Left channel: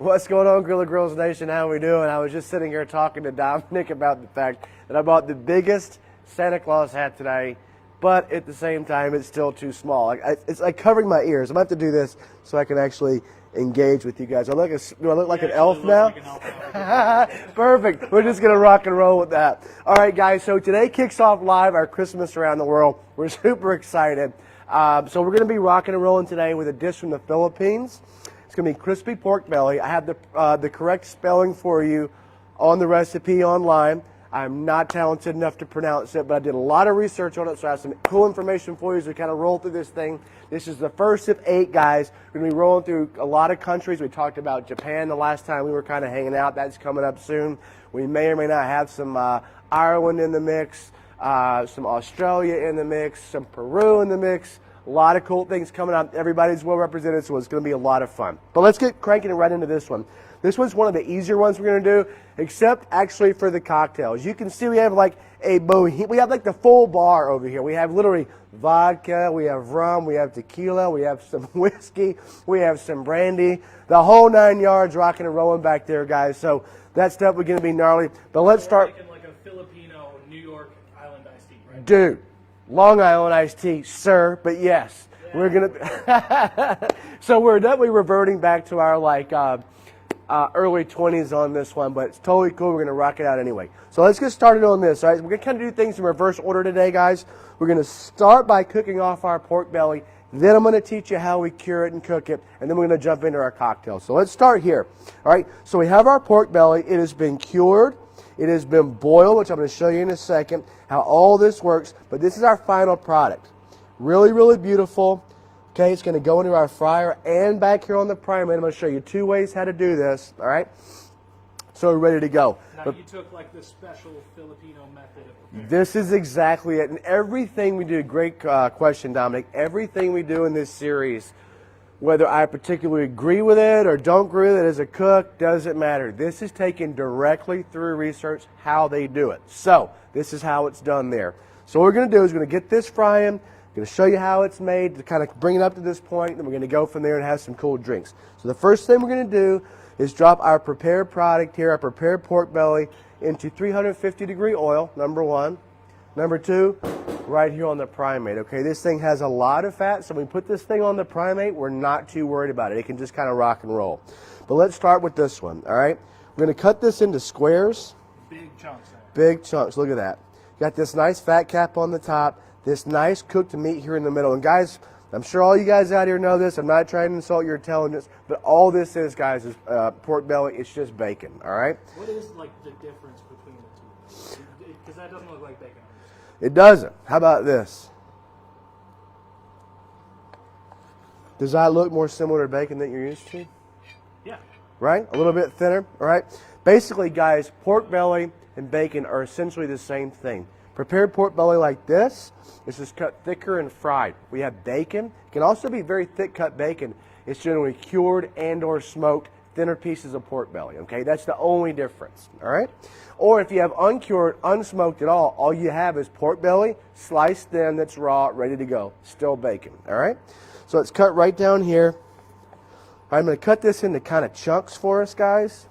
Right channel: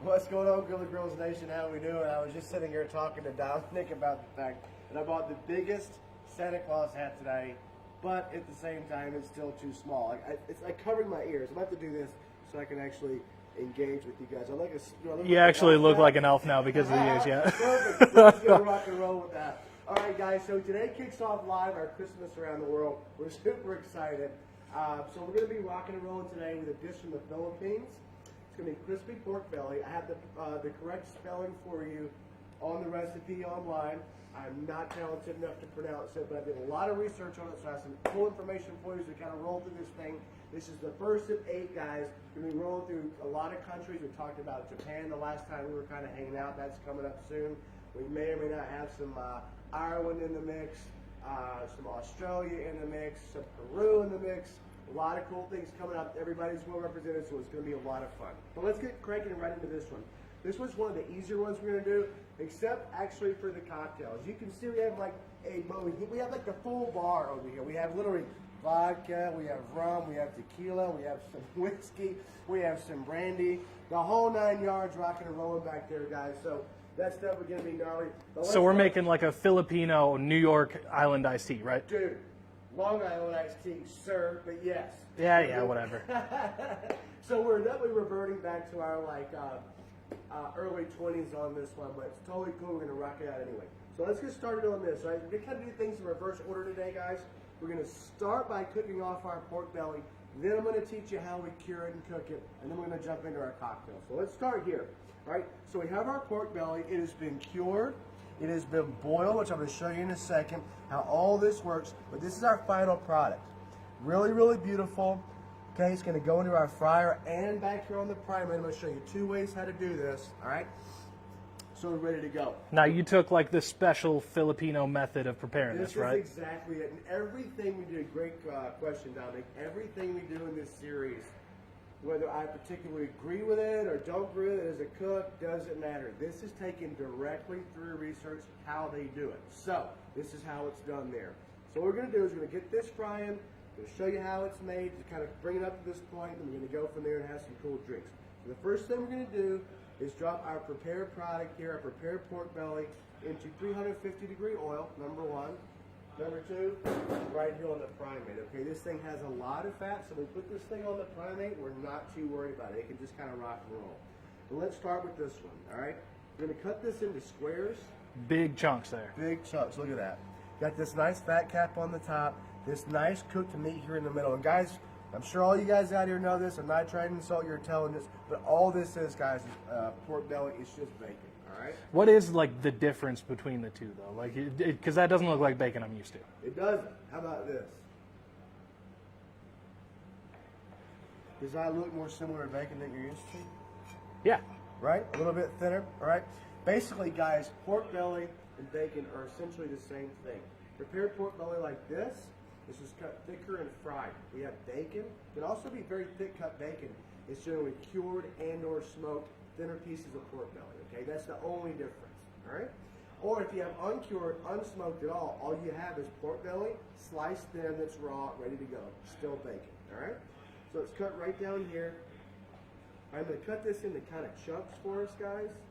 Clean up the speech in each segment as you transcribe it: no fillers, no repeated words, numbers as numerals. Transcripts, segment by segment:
What's going on, Grilla Girls Nation? How we doing? I was just sitting here talking to Dominic about the fact that I bought the biggest Santa Claus hat today, but at the same time, it's still too small. It's like covering my ears. I'm going to have to do this so I can actually engage with you guys. Do I look like an elf now? You actually look like an elf now because of your ears, yeah. Perfect. We're just going to rock and roll with that. All right, guys, so today kicks off live our Christmas Around the World. We're super excited. So we're going to be rocking and rolling today with a dish from the Philippines. It's going to be crispy pork belly. I have the correct spelling for you on the recipe online. I'm not talented enough to pronounce it, but I did a lot of research on it, so I have some cool information for you as we kind of roll through this thing. This is the first of 8, guys. We're going to be rolling through a lot of countries. We talked about Japan the last time we were kind of hanging out. That's coming up soon. We may or may not have some Ireland in the mix, some Australia in the mix, some Peru in the mix. A lot of cool things coming up. Everybody's well represented, so it's going to be a lot of fun. But let's get cranking right into this one. This one's one of the easier ones we're going to do, except actually for the cocktails. You can see we have like we have like the full bar over here. We have literally vodka, we have rum, we have tequila, we have some whiskey, we have some brandy, the whole 9 yards rocking and rolling back there, guys. So that stuff we're going to be gnarly. But let's start. So we're making like a Filipino New York Island iced tea, right? Dude. Long Island iced tea, sir, but yes. Yeah, we're gonna So we're definitely reverting back to our early 20s on this one, but it's totally cool. We're going to rock it out anyway. So let's get started on this, all right? We're going to kind of do things in reverse order today, guys. We're going to start by cooking off our pork belly. Then I'm going to teach you how we cure it and cook it, and then we're going to jump into our cocktail. So let's start here, all right? So we have our pork belly. It has been cured. It has been boiled, which I'm going to show you in a second how all this works. But this is our final product. Really, really beautiful. Okay, it's going to go into our fryer and back here on the primer. I'm going to show you 2 ways how to do this. All right, so we're ready to go. Now you took like the special Filipino method of preparing. This is exactly it, and everything we do. Great question, Dominic. Everything we do in this series, whether I particularly agree with it or don't agree with it as a cook, doesn't matter. This is taken directly through research how they do it. So this is how it's done there. So what we're going to do is we're going to get this frying. I'm going to show you how it's made to kind of bring it up to this point, and we're going to go from there and have some cool drinks. So the first thing we're going to do is drop our prepared product here, our prepared pork belly, into 350-degree oil, number 1. Number 2, right here on the primate, okay? This thing has a lot of fat, so when we put this thing on the primate, we're not too worried about it. It can just kind of rock and roll. But let's start with this one, all right? We're going to cut this into squares. Big chunks there. Big chunks, look at that. Got this nice fat cap on the top, this nice cooked meat here in the middle. And guys, I'm sure all you guys out here know this. I'm not trying to insult your intelligence, but all this is, guys, is pork belly. It's just bacon, all right? What is like the difference between the two, though? Like, because that doesn't look like bacon I'm used to. It doesn't. How about this? Does that look more similar to bacon that you're used to? Yeah. Right? A little bit thinner, all right? Basically, guys, pork belly and bacon are essentially the same thing. Prepared pork belly like this, it's just cut thicker and fried. We have bacon. It can also be very thick cut bacon. It's generally cured and or smoked, thinner pieces of pork belly, okay? That's the only difference, all right? Or if you have uncured, unsmoked at all you have is pork belly, sliced thin, that's raw, ready to go. Still bacon, all right? So it's cut right down here. I'm going to cut this into kind of chunks for us, guys.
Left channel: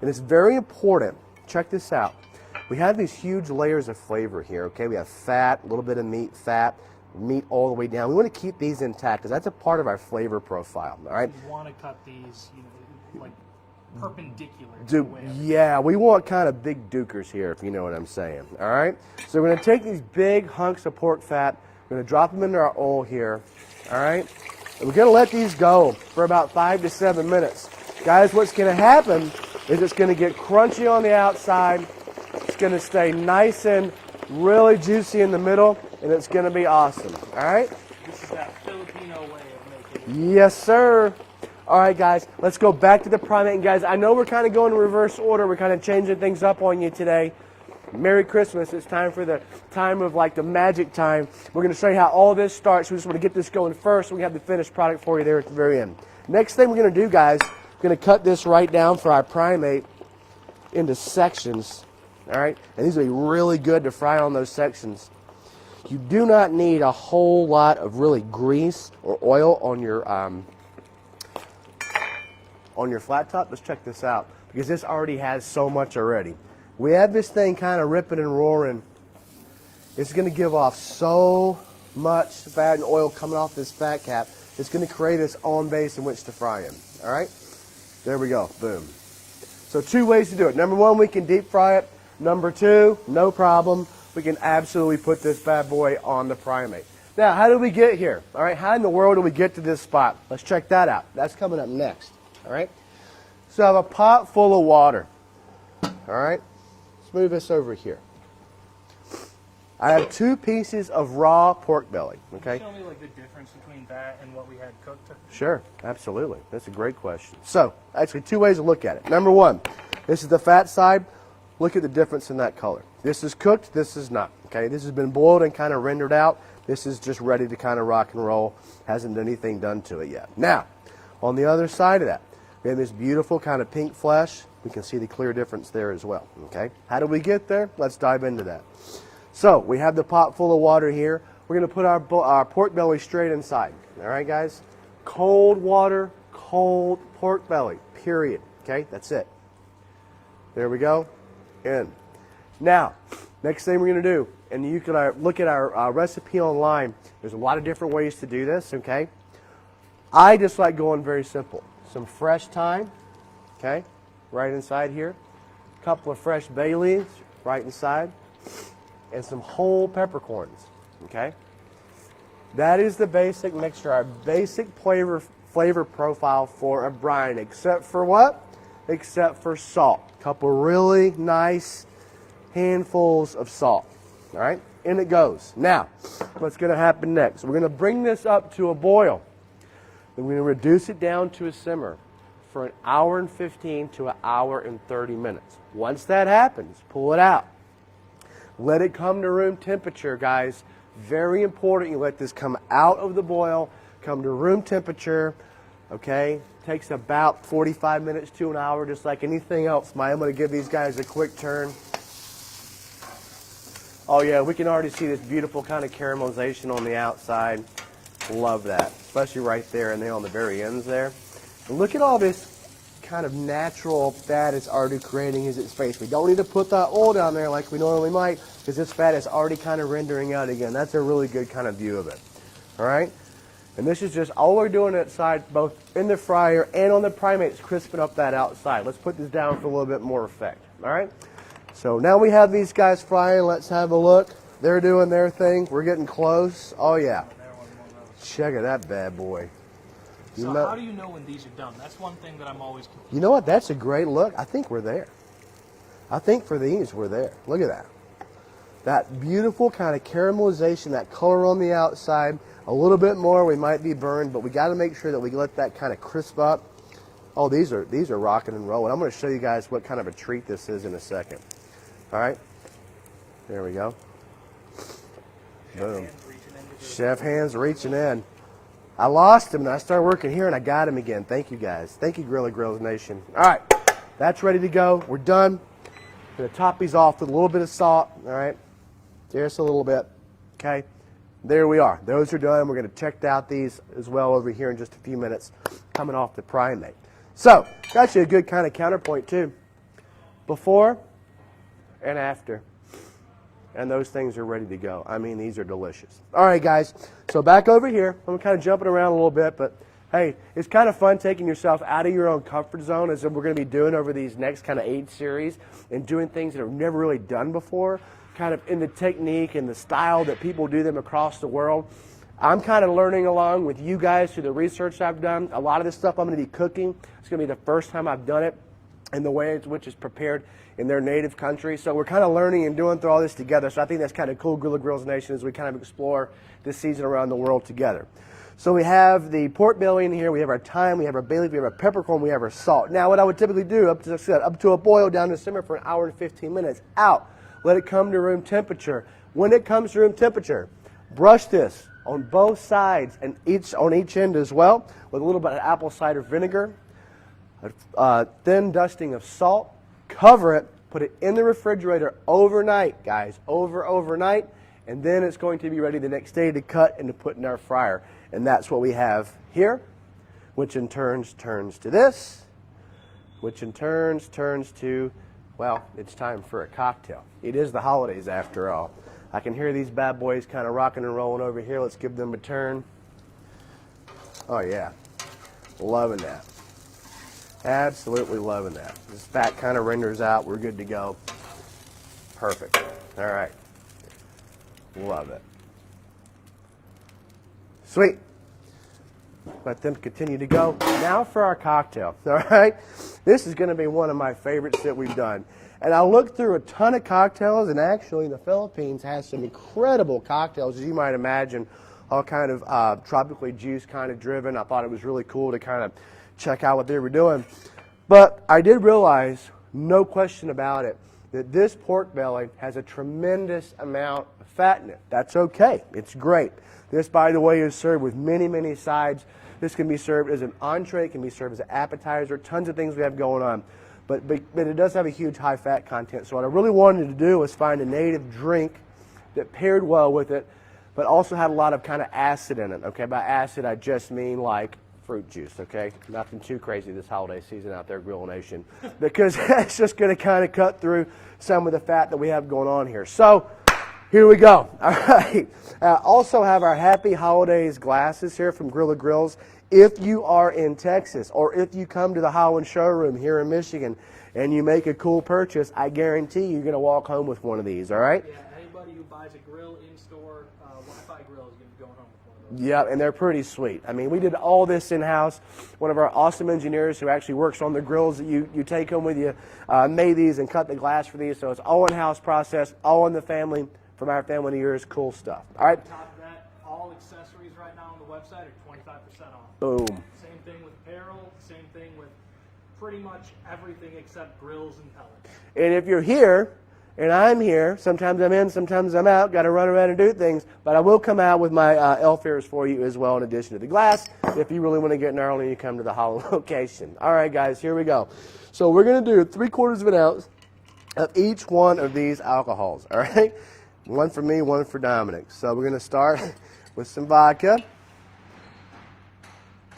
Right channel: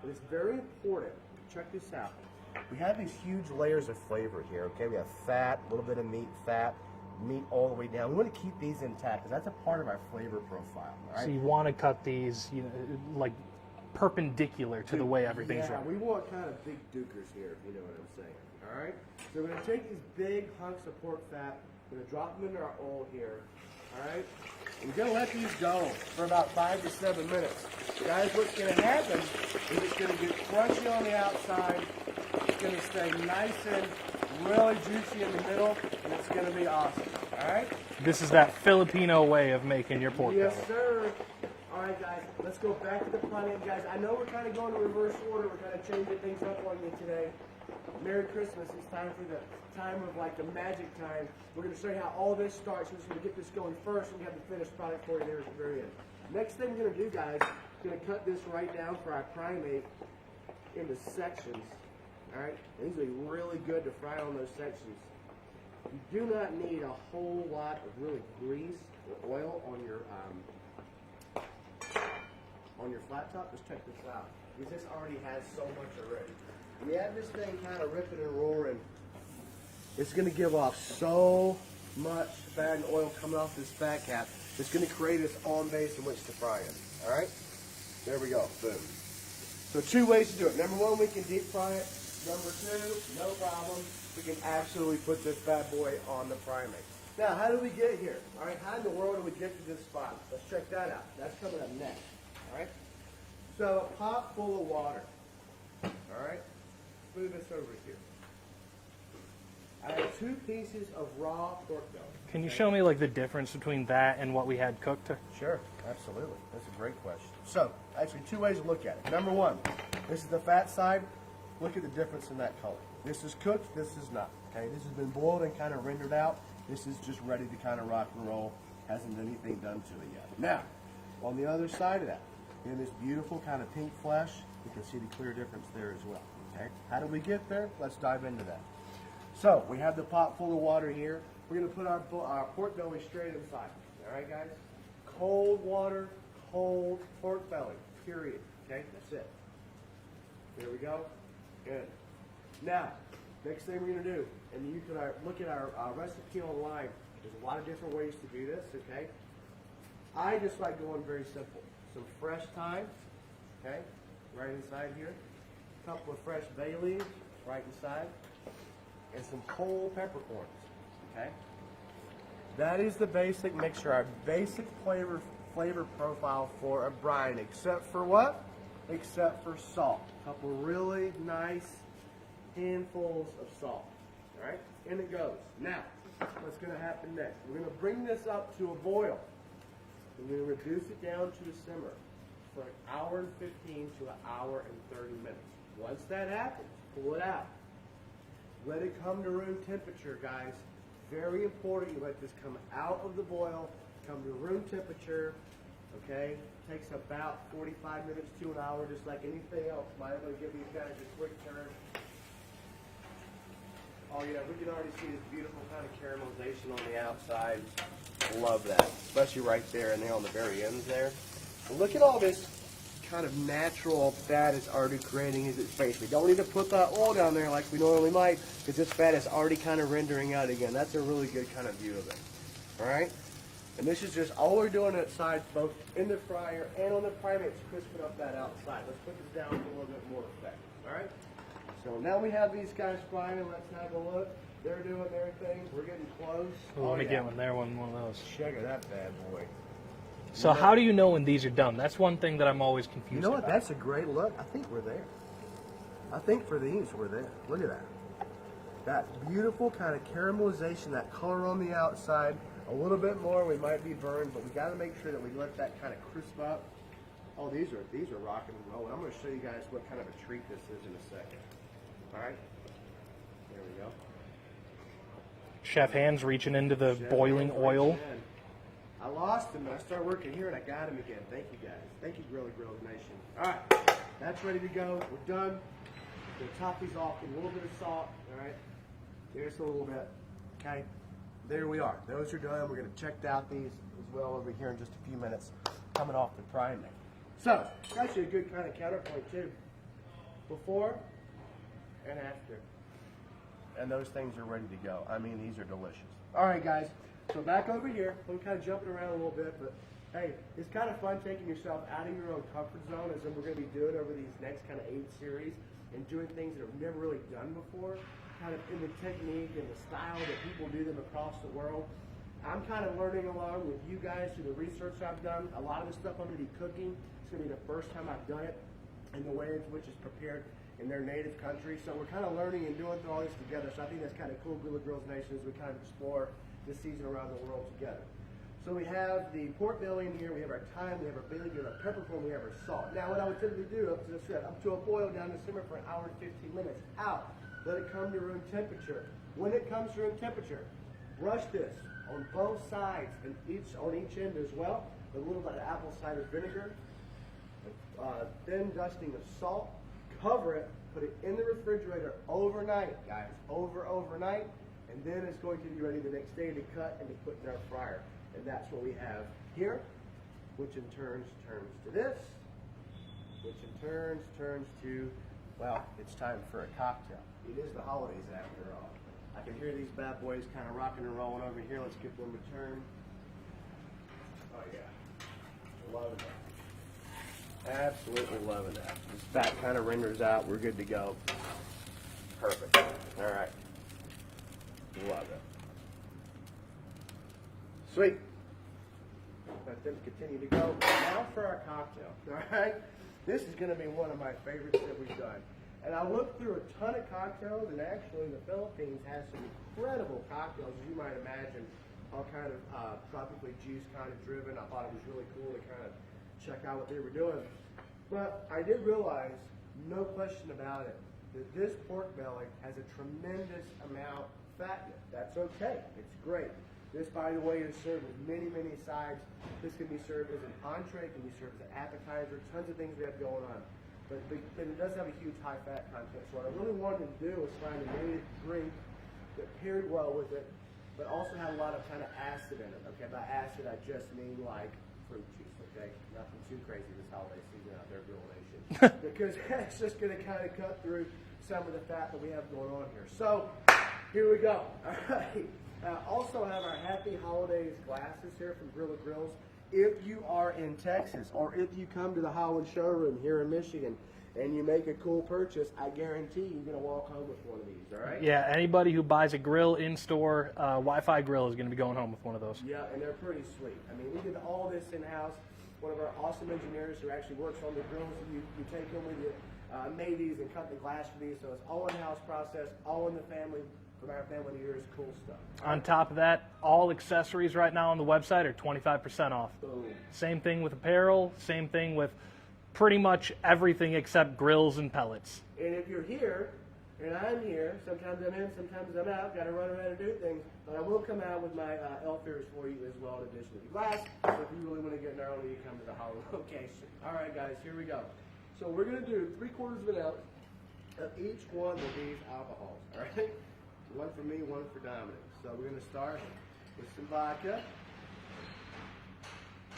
And it's very important. Check this out. We have these huge layers of flavor here, okay? We have fat, a little bit of meat, fat, meat all the way down. We want to keep these intact because that's a part of our flavor profile, all right? So you want to cut these, you know, like perpendicular to the way everything. Yeah, we want kind of big dukers here, if you know what I'm saying, all right? So we're going to take these big hunks of pork fat, we're going to drop them into our oil here, all right? And we're going to let these go for about 5 to 7 minutes. Guys, what's going to happen is it's going to get crunchy on the outside, it's going to stay nice and really juicy in the middle, and it's going to be awesome, all right? This is that Filipino way of making your pork. Yes, sir. All right, guys, let's go back to the primate. And guys, I know we're kind of going in reverse order. We're kind of changing things up on you today. Merry Christmas. It's time for the time of like the magic time. We're going to show you how all this starts. We just want to get this going first so we have the finished product for you there at the very end. Next thing we're going to do, guys, we're going to cut this right down for our primate into sections. All right, and these will be really good to fry on those sections. You do not need a whole lot of really grease or oil on your on your flat top, let's check this out, because this already has so much already. We have this thing kind of ripping and roaring. It's going to give off so much fat and oil coming off this fat cap. It's going to create its own base in which to fry in. All right? There we go. Boom. So 2 ways to do it. Number 1, we can deep fry it. Number 2, no problem. We can absolutely put this bad boy on the primate. Now, how did we get here? All right, how in the world did we get to this spot? Let's check that out. That's coming up next. All right? So I have a pot full of water. All right? Let's move this over here. I have 2 pieces of raw pork belly. Can you show me like the difference between that and what we had cooked? Sure, absolutely. That's a great question. So, actually 2 ways to look at it. Number 1, this is the fat side. Look at the difference in that color. This is cooked, this is not. Okay, this has been boiled and kind of rendered out. This is just ready to kind of rock and roll. Hasn't anything done to it yet. Now, on the other side of that, we have this beautiful kind of pink flesh. We can see the clear difference there as well. Okay, how did we get there? Let's dive into that. So, we have the pot full of water here. We're going to put our pork belly straight inside. All right, guys? Cold water, cold pork belly, period. Okay, that's it. There we go. In. Now, next thing we're going to do, and you can look at our recipe online. There's a lot of different ways to do this, okay? I just like going very simple. Some fresh thyme, okay, right inside here. A couple of fresh bay leaves, right inside. And some whole peppercorns, okay? That is the basic mixture, our basic flavor profile for a brine, except for what? Except for salt. A couple really nice handfuls of salt, all right? In it goes. Now, what's going to happen next? We're going to bring this up to a boil. Then we're going to reduce it down to a simmer for 1 hour and 15 to 1 hour and 30 minutes. Once that happens, pull it out. Let it come to room temperature, guys. Very important you let this come out of the boil, come to room temperature, okay? Takes about 45 minutes to an hour, just like anything else. I'm going to give these guys a quick turn. Oh yeah, we can already see this beautiful kind of caramelization on the outside. Love that, especially right there and then on the very ends there. And look at all this kind of natural fat it's already creating as its base. We don't need to put that oil down there like we normally might, because this fat is already kind of rendering out again. That's a really good kind of view of it. All right? And this is just all we're doing outside, both in the fryer and on the primates, crisping up that outside. Let's put this down for a little bit more effect. All right? So now we have these guys frying. Let's have a look. They're doing their thing. We're getting close. Oh, yeah. Check it, that bad boy. So how do you know when these are done? That's one thing that I'm always confused You know what? about. That's a great look. I think we're there. I think for these, we're there. Look at that. That beautiful kind of caramelization, that color on the outside. A little bit more, we might be burned, but we got to make sure that we let that kind of crisp up. Oh, these are rocking and rolling. I'm going to show you guys what kind of a treat this is in a second. All right. There we go. Chef hands reaching into the Chef hands oil. reaching in. I lost him, and I started working here, and I got him again. Thank you, guys. Thank you, Grilla Grills Nation. All right, that's ready to go. We're done. Going to top these off with a little bit of salt, all right? Just a little bit, okay? There we are. Those are done. We're going to check out these as well over here in just a few minutes, coming off the primate. So, got you a good kind of counterpoint, too. Before and after. And those things are ready to go. I mean, these are delicious. All right, guys. So back over here. I'm kind of jumping around a little bit, but hey, it's kind of fun taking yourself out of your own comfort zone, as we're going to be doing over these next kind of 8 series, and doing things that are never really done before, kind of in the technique and the style that people do them across the world. I'm kind of learning along with you guys through the research I've done. A lot of this stuff I'm going to be cooking. It's going to be the first time I've done it in the way in which it's prepared in their native country. So we're kind of learning and doing through all this together. So I think that's kind of cool, Grilla Grills Nation, as we kind of explore this season around the world together. So we have the pork belly in here, we have our thyme, we have our bay leaf, we have our peppercorn, we have our salt. Now what I would typically do, up to a boil, down to simmer for 1 hour and 15 minutes, out. Let it come to room temperature. When it comes to room temperature, brush this on both sides and on each end as well, with a little bit of apple cider vinegar, a thin dusting of salt. Cover it, put it in the refrigerator overnight, guys, overnight, and then it's going to be ready the next day to cut and to put in our fryer. And that's what we have here, which in turn turns to this, which in turns to, well, it's time for a cocktail. It is the holidays after all. I can hear these bad boys kind of rocking and rolling over here. Let's give them a turn. Oh yeah, loving that. Absolutely loving that. This fat kind of renders out. We're good to go. Perfect. All right. Love it. Sweet. Let them continue to go. Now for our cocktail. All right. This is going to be one of my favorites that we've done. And I looked through a ton of cocktails, and actually the Philippines has some incredible cocktails, as you might imagine, all kind of tropically juice kind of driven. I thought it was really cool to kind of check out what they were doing. But I did realize, no question about it, that this pork belly has a tremendous amount of fat in it. That's okay. It's great. This, by the way, is served with many, many sides. This can be served as an entree, it can be served as an appetizer, tons of things we have going on. But it does have a huge high fat content. So what I really wanted to do was find a native drink that paired well with it, but also had a lot of kind of acid in it. Okay, by acid I just mean like fruit juice. Okay, nothing too crazy this holiday season out there, Grill Nation, because it's just going to kind of cut through some of the fat that we have going on here. So here we go. All right. Also have our Happy Holidays glasses here from Grilla Grills. If you are in Texas, or if you come to the Holland showroom here in Michigan and you make a cool purchase, I guarantee you're going to walk home with one of these, all right? Yeah, anybody who buys a grill in-store, Wi-Fi grill is going to be going home with one of those. Yeah, and they're pretty sweet. I mean, we did all this in-house. One of our awesome engineers who actually works on the grills that you take home with you made these and cut the glass for these, so it's all in-house process, all in the family, from our family to yours, cool stuff. All right. On top of that, all accessories right now on the website are 25% off. Boom. Same thing with apparel, same thing with pretty much everything except grills and pellets. And if you're here, and I'm here, sometimes I'm in, sometimes I'm out, got to run around and do things, but I will come out with my elf ears for you as well, in addition to the glass, if you really want to get gnarly, you come to the Holland location. All right, guys, here we go. So we're going to do 3/4 of an ounce of each one of these alcohols, all right? One for me, one for Dominic. So we're going to start with some vodka.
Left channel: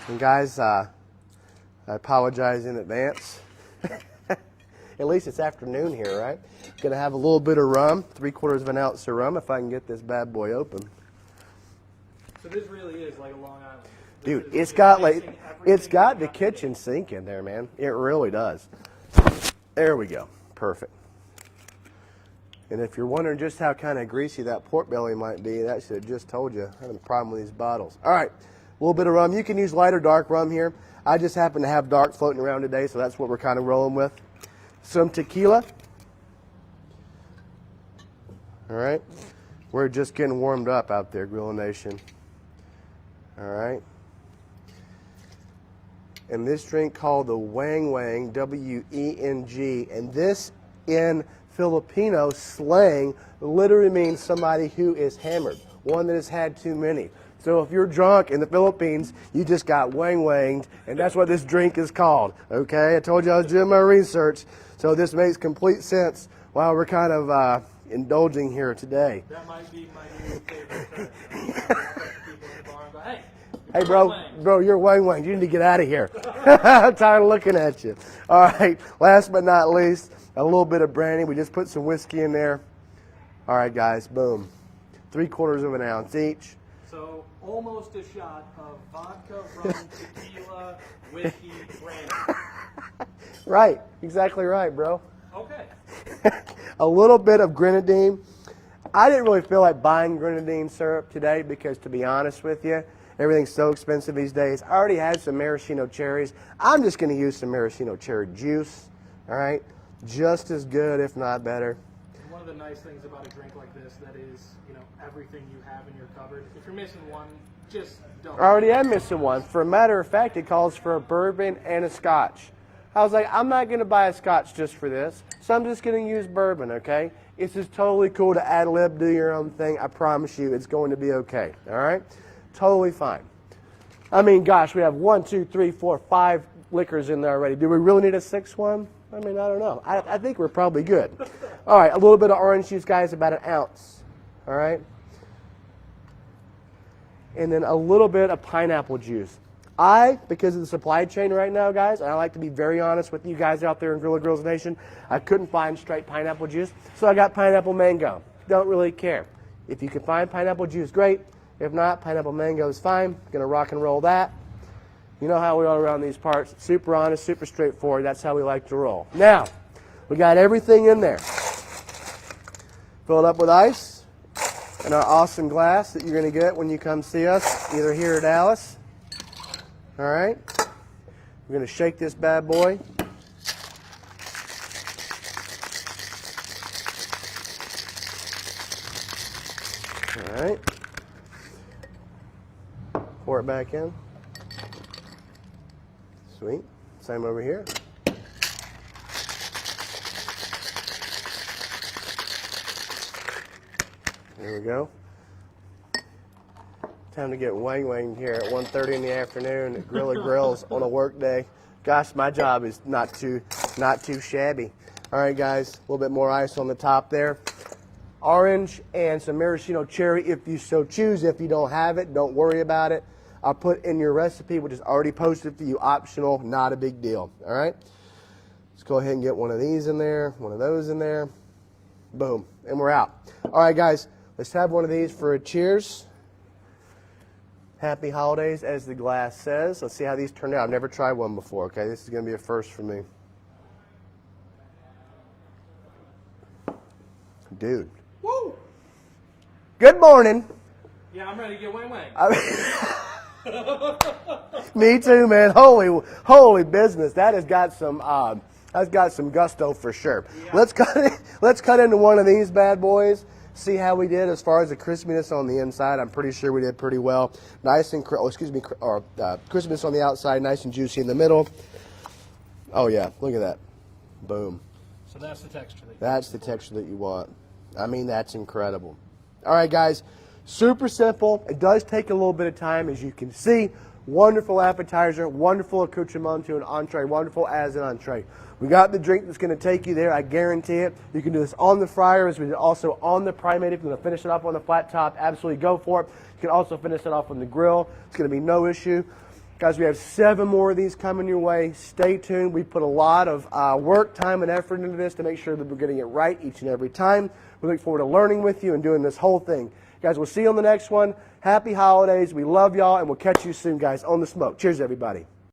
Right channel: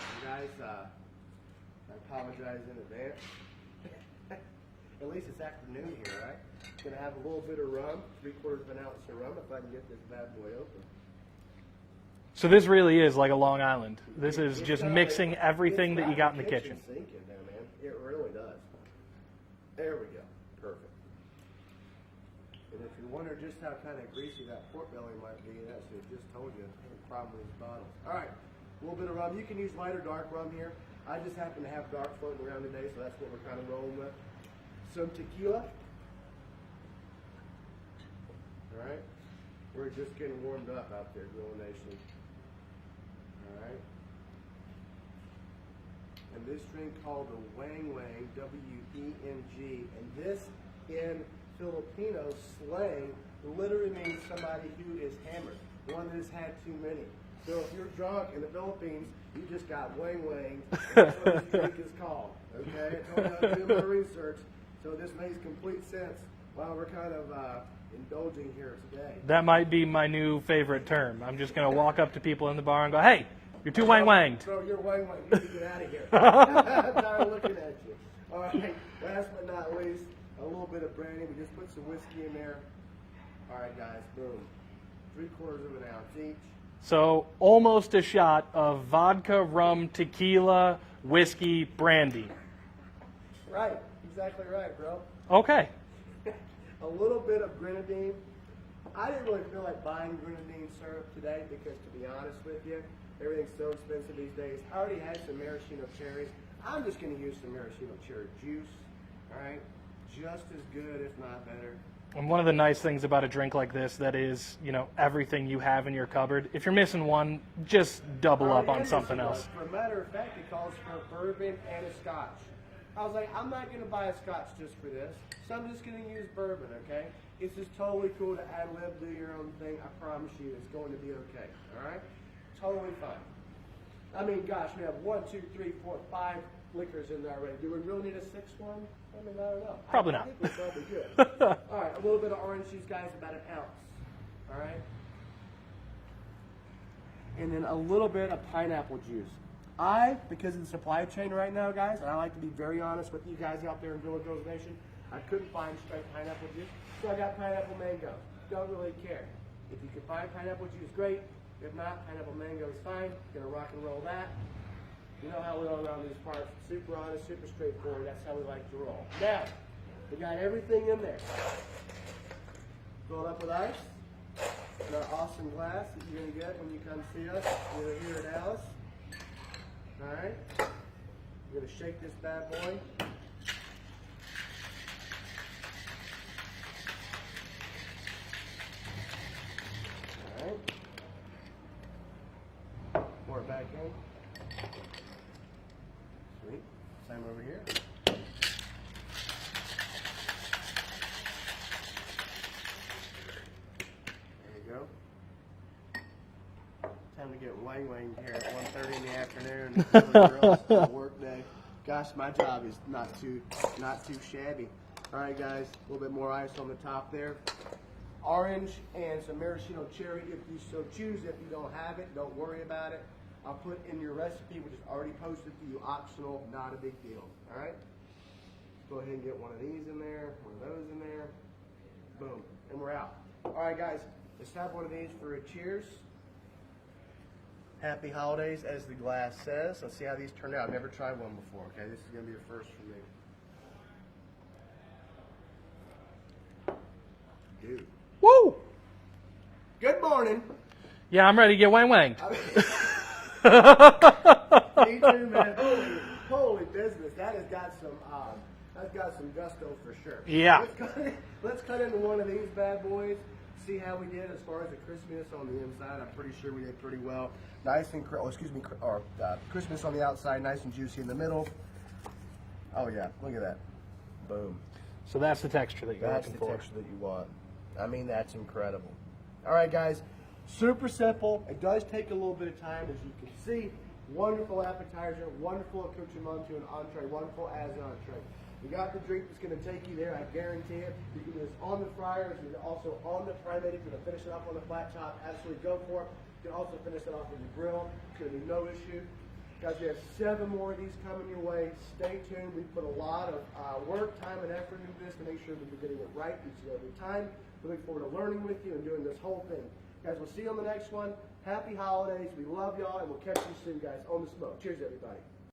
And guys, I apologize in advance. At least it's afternoon here, right? Going to have a little bit of rum, 3/4 of an ounce of rum, if I can get this bad boy open. So this really is like a Long Island. This Dude, is it's just got mixing everything it's got that you got the in the kitchen sink in there, man. It really does. There we go. Perfect. And if you're wondering just how kind of greasy that pork belly might be, that should have just told you. I had a problem with these bottles. All right, a little bit of rum. You can use light or dark rum here. I just happen to have dark floating around today, so that's what we're kind of rolling with. Some tequila. All right. We're just getting warmed up out there, Grill Nation. All right. And this drink called the Wang Wang, W-E-N-G, and this in Filipino slang literally means somebody who is hammered, one that has had too many. So if you're drunk in the Philippines, you just got wang-wanged, and that's what this drink is called, okay? I told you I was doing my research, so this makes complete sense while we're kind of indulging here today. That might be my new favorite term. I'm just going to walk up to people in the bar and go, hey, you're too Hey, bro, wang-wanged. Bro, you're wang-wanged. You need to get out of here. I'm tired of looking at you. All right, last but not least, a little bit of brandy. We just put some whiskey in there. All right, guys, boom. 3/4 of an ounce each. So almost a shot of vodka, rum, tequila, whiskey, brandy. Right, exactly right, bro. Okay. A little bit of grenadine. I didn't really feel like buying grenadine syrup today because, to be honest with you, everything's so expensive these days. I already had some maraschino cherries. I'm just going to use some maraschino cherry juice, all right? Just as good, if not better. And one of the nice things about a drink like this that is, you know, everything you have in your cupboard. If you're missing one, just double I already up on am missing something one. else. For a matter of fact, it calls for a bourbon and a scotch. I was like, I'm not going to buy a scotch just for this, so I'm just going to use bourbon, okay? It's just totally cool to ad lib, do your own thing. I promise you it's going to be okay, all right? Totally fine. I mean, gosh, we have 1, 2, 3, 4, 5 liquors in there already. Do we really need a 6th one? I mean, I don't know. I think we're probably good. All right, a little bit of orange juice, guys, about an ounce. All right? And then a little bit of pineapple juice. Because of the supply chain right now, guys, and I like to be very honest with you guys out there in Grilla Grills Nation, I couldn't find straight pineapple juice, so I got pineapple mango. Don't really care. If you can find pineapple juice, great. If not, pineapple mango is fine. Gonna rock and roll that. You know how we are around these parts. Super honest, super straightforward. That's how we like to roll. Now, we got everything in there. Fill it up with ice in our awesome glass that you're gonna get when you come see us, either here at Dallas. All right. We're gonna shake this bad boy. All right. Pour it back in. Sweet. Same over here. There we go. Time to get wang here at 1:30 in the afternoon at Grilla Grills on a work day. Gosh, my job is not too shabby. All right, guys, a little bit more ice on the top there. Orange and some maraschino cherry if you so choose. If you don't have it, don't worry about it. I'll put in your recipe, which is already posted for you, optional, not a big deal. All right? Let's go ahead and get one of these in there, one of those in there. Boom, and we're out. All right, guys, let's have one of these for a cheers. Happy holidays, as the glass says. Let's see how these turn out. I've never tried one before, okay? This is going to be a first for me. Dude. Woo! Good morning. Yeah, I'm ready to get wang wang. Me too, man. Holy business. That has got some gusto for sure. Yeah. Let's cut into one of these bad boys. See how we did as far as the crispiness on the inside. I'm pretty sure we did pretty well. Nice and crispiness on the outside, nice and juicy in the middle. Oh yeah, look at that. Boom. So that's the texture that texture that you want. I mean, that's incredible. All right, guys. Super simple. It does take a little bit of time, as you can see. Wonderful appetizer, wonderful accoutrement to an entree, wonderful as an entree. We got the drink that's going to take you there, I guarantee it. You can do this on the fryer, as we did also on the primate. If you're going to finish it off on the flat top, absolutely go for it. You can also finish it off on the grill. It's going to be no issue. Guys, we have 7 more of these coming your way. Stay tuned. We put a lot of work, time, and effort into this to make sure that we're getting it right each and every time. We look forward to learning with you and doing this whole thing. Guys, we'll see you on the next one. Happy holidays. We love y'all, and we'll catch you soon, guys, on the smoke. Cheers, everybody.